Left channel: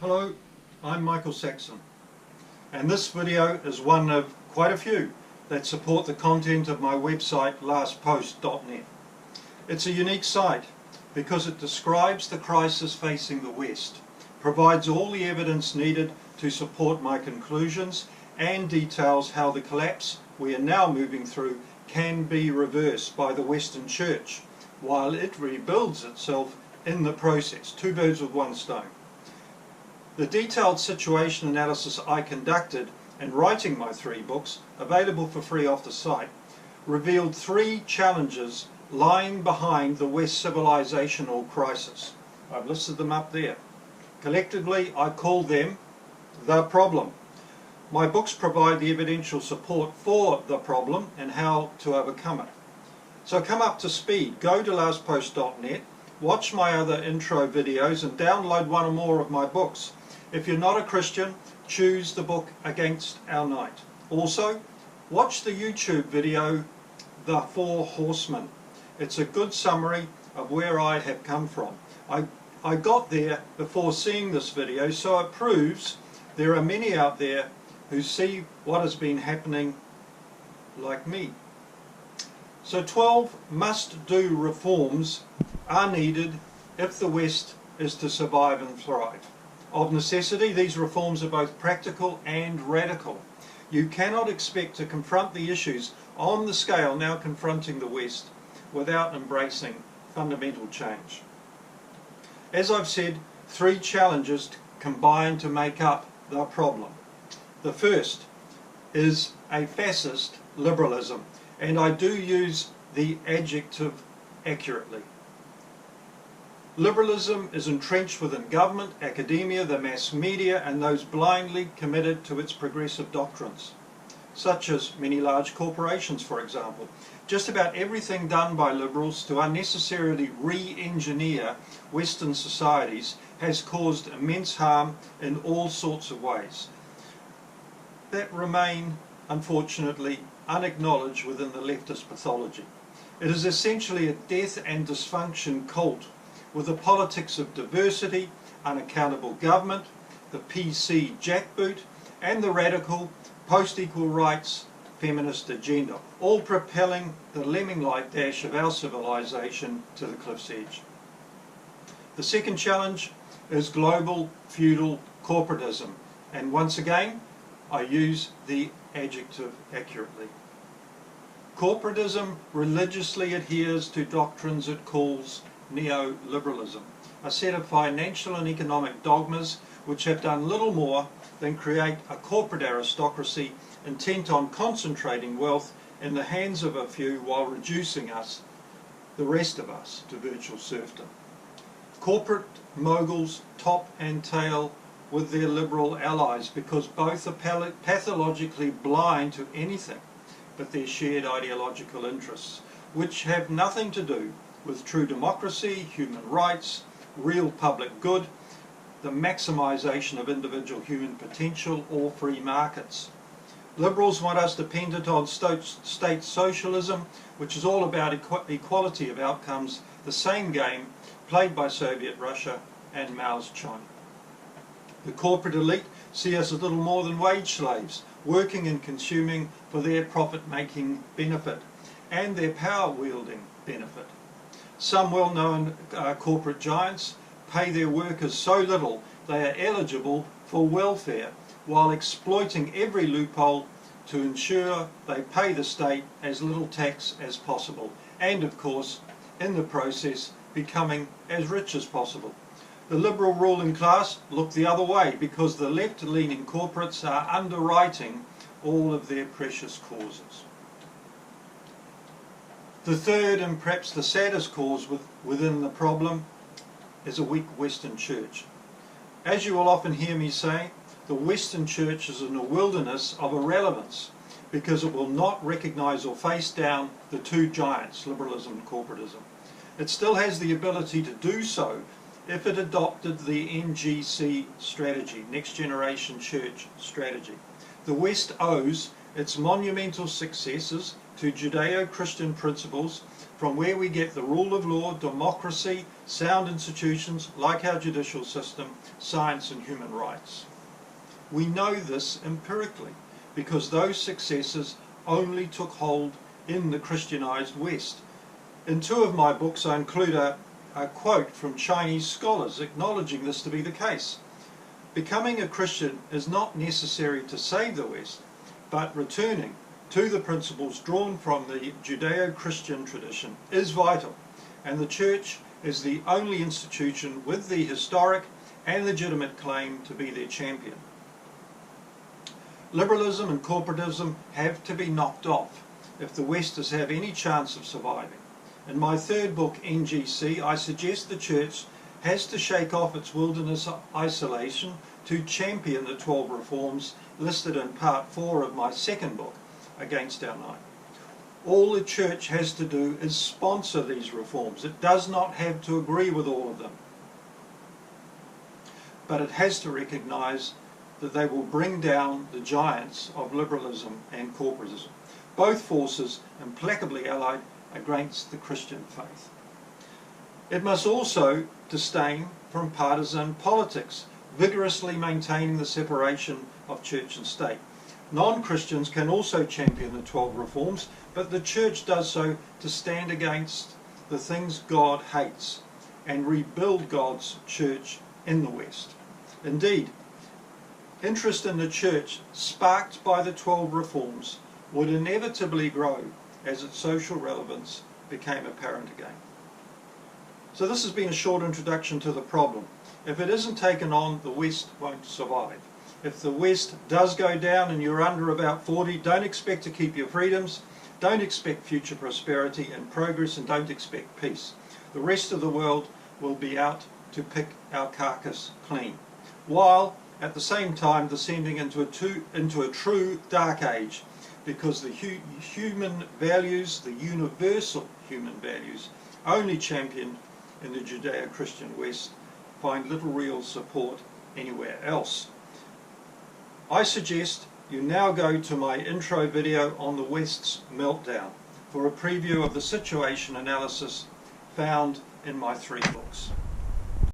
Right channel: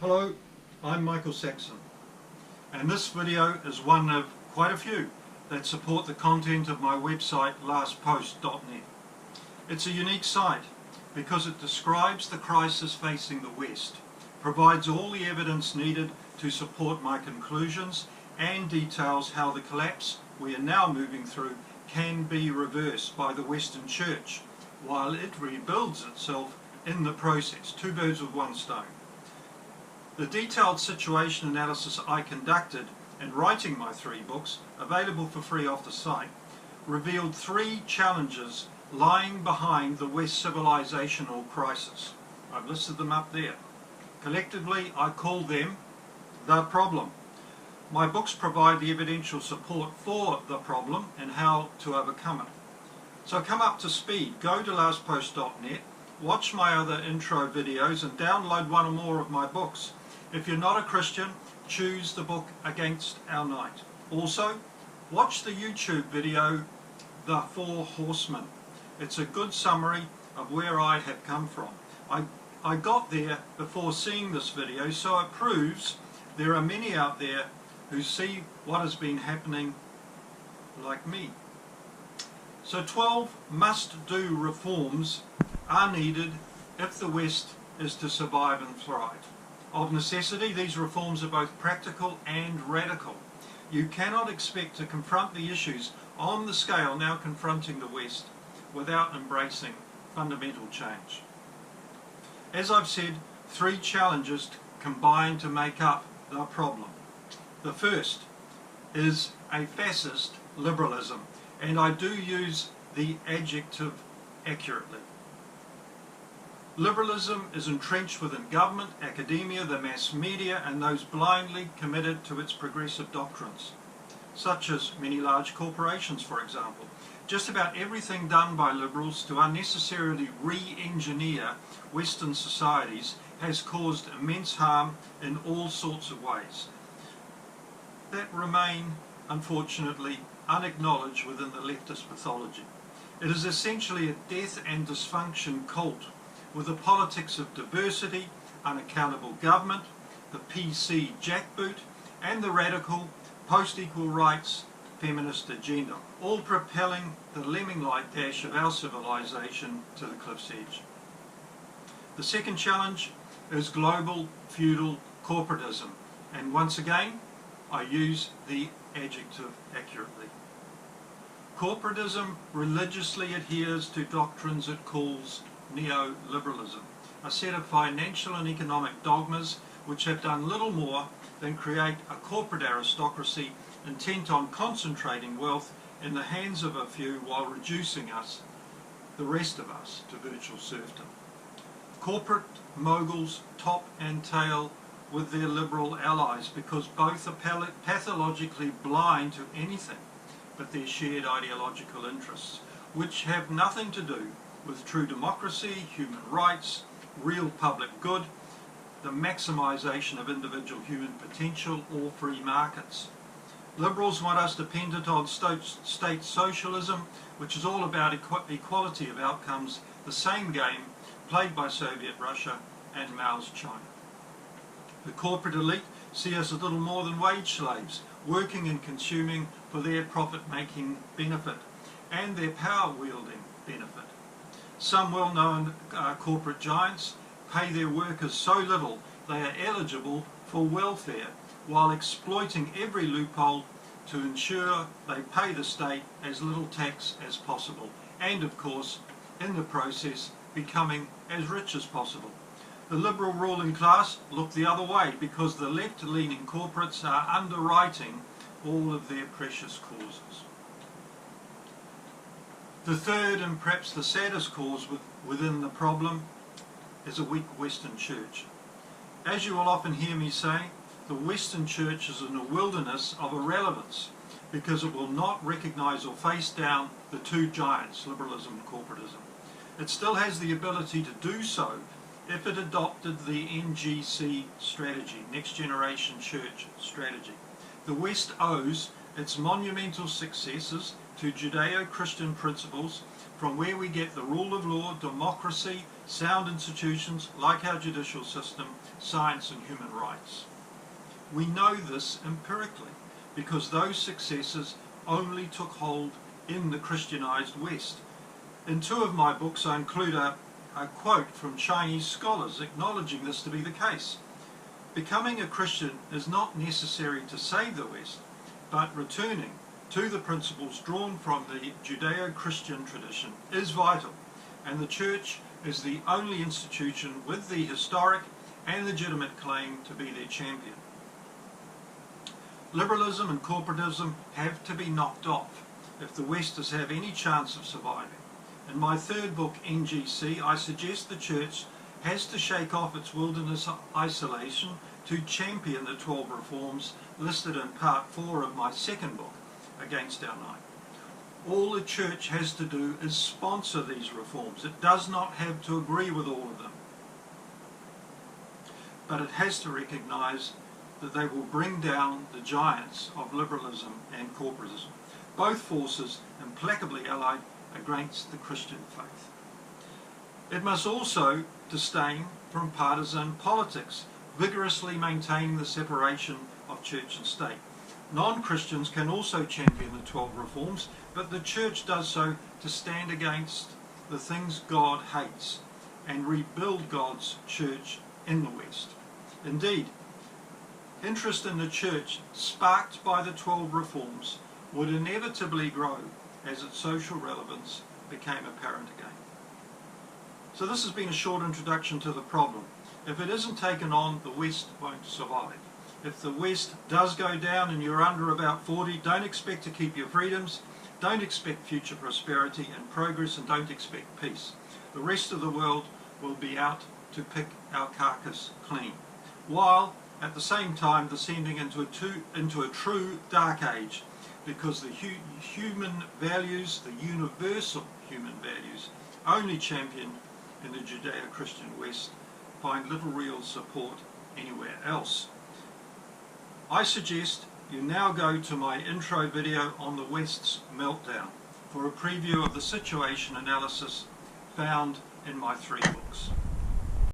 Hello, I'm Michael Saxon, and this video is one of quite a few that support the content of my website lastpost.net. It's a unique site because it describes the crisis facing the West, provides all the evidence needed to support my conclusions, and details how the collapse we are now moving through can be reversed by the Western Church while it rebuilds itself in the process. Two birds with one stone. The detailed situation analysis I conducted in writing my 3 books, available for free off the site, revealed 3 challenges lying behind the West civilizational crisis. I've listed them up there. Collectively, I call them the problem. My books provide the evidential support for the problem and how to overcome it. So come up to speed. Go to lastpost.net, watch my other intro videos, and download one or more of my books. If you're not a Christian, choose the book Against Our Night. Also, watch the YouTube video, The 4 Horsemen. It's a good summary of where I have come from. I got there before seeing this video, so it proves there are many out there who see what has been happening like me. So 12 must-do reforms are needed if the West is to survive and thrive. Of necessity, these reforms are both practical and radical. You cannot expect to confront the issues on the scale now confronting the West without embracing fundamental change. As I've said, 3 challenges combine to make up the problem. The first is a fascist liberalism, and I do use the adjective accurately. Liberalism is entrenched within government, academia, the mass media, and those blindly committed to its progressive doctrines, such as many large corporations, for example. Just about everything done by liberals to unnecessarily re-engineer Western societies has caused immense harm in all sorts of ways that remain, unfortunately, unacknowledged within the leftist pathology. It is essentially a death and dysfunction cult with the politics of diversity, unaccountable government, the PC jackboot, and the radical post-equal rights feminist agenda, all propelling the lemming-like dash of our civilization to the cliff's edge. The second challenge is global feudal corporatism, and once again I use the adjective accurately. Corporatism religiously adheres to doctrines it calls neoliberalism, a set of financial and economic dogmas which have done little more than create a corporate aristocracy intent on concentrating wealth in the hands of a few while reducing us, the rest of us, to virtual serfdom. Corporate moguls top and tail with their liberal allies because both are pathologically blind to anything but their shared ideological interests, which have nothing to do with true democracy, human rights, real public good, the maximisation of individual human potential, or free markets. Liberals want us dependent on state socialism, which is all about equality of outcomes, the same game played by Soviet Russia and Mao's China. The corporate elite see us as little more than wage slaves, working and consuming for their profit-making benefit and their power-wielding benefit. Some well-known corporate giants pay their workers so little they are eligible for welfare while exploiting every loophole to ensure they pay the state as little tax as possible and, of course, in the process becoming as rich as possible. The liberal ruling class look the other way because the left-leaning corporates are underwriting all of their precious causes. The third and perhaps the saddest cause within the problem is a weak Western Church. As you will often hear me say, the Western Church is in a wilderness of irrelevance because it will not recognise or face down the 2 giants, liberalism and corporatism. It still has the ability to do so if it adopted the NGC strategy, Next Generation Church strategy. The West owes its monumental successes to Judeo-Christian principles from where we get the rule of law, democracy, sound institutions like our judicial system, science and human rights. We know this empirically because those successes only took hold in the Christianized West. In 2 of my books I include a quote from Chinese scholars acknowledging this to be the case. Becoming a Christian is not necessary to save the West, but returning to the principles drawn from the Judeo-Christian tradition is vital, and the Church is the only institution with the historic and legitimate claim to be their champion. Liberalism and corporatism have to be knocked off if the West is to have any chance of surviving. In my 3rd book, NGC, I suggest the Church has to shake off its wilderness isolation to champion the 12 reforms listed in part 4 of my 2nd book, Against Our Night. All the Church has to do is sponsor these reforms. It does not have to agree with all of them. But it has to recognise that they will bring down the giants of liberalism and corporatism, both forces implacably allied against the Christian faith. It must also disdain from partisan politics, vigorously maintaining the separation of church and state. Non-Christians can also champion the 12 reforms, but the Church does so to stand against the things God hates and rebuild God's church in the West. Indeed, interest in the Church sparked by the 12 reforms would inevitably grow as its social relevance became apparent again. So this has been a short introduction to the problem. If it isn't taken on, the West won't survive. If the West does go down and you're under about 40, don't expect to keep your freedoms, don't expect future prosperity and progress, and don't expect peace. The rest of the world will be out to pick our carcass clean, while at the same time descending into a true dark age, because the human values, the universal human values, only championed in the Judeo-Christian West, find little real support anywhere else. I suggest you now go to my intro video on the West's meltdown for a preview of the situation analysis found in my 3 books.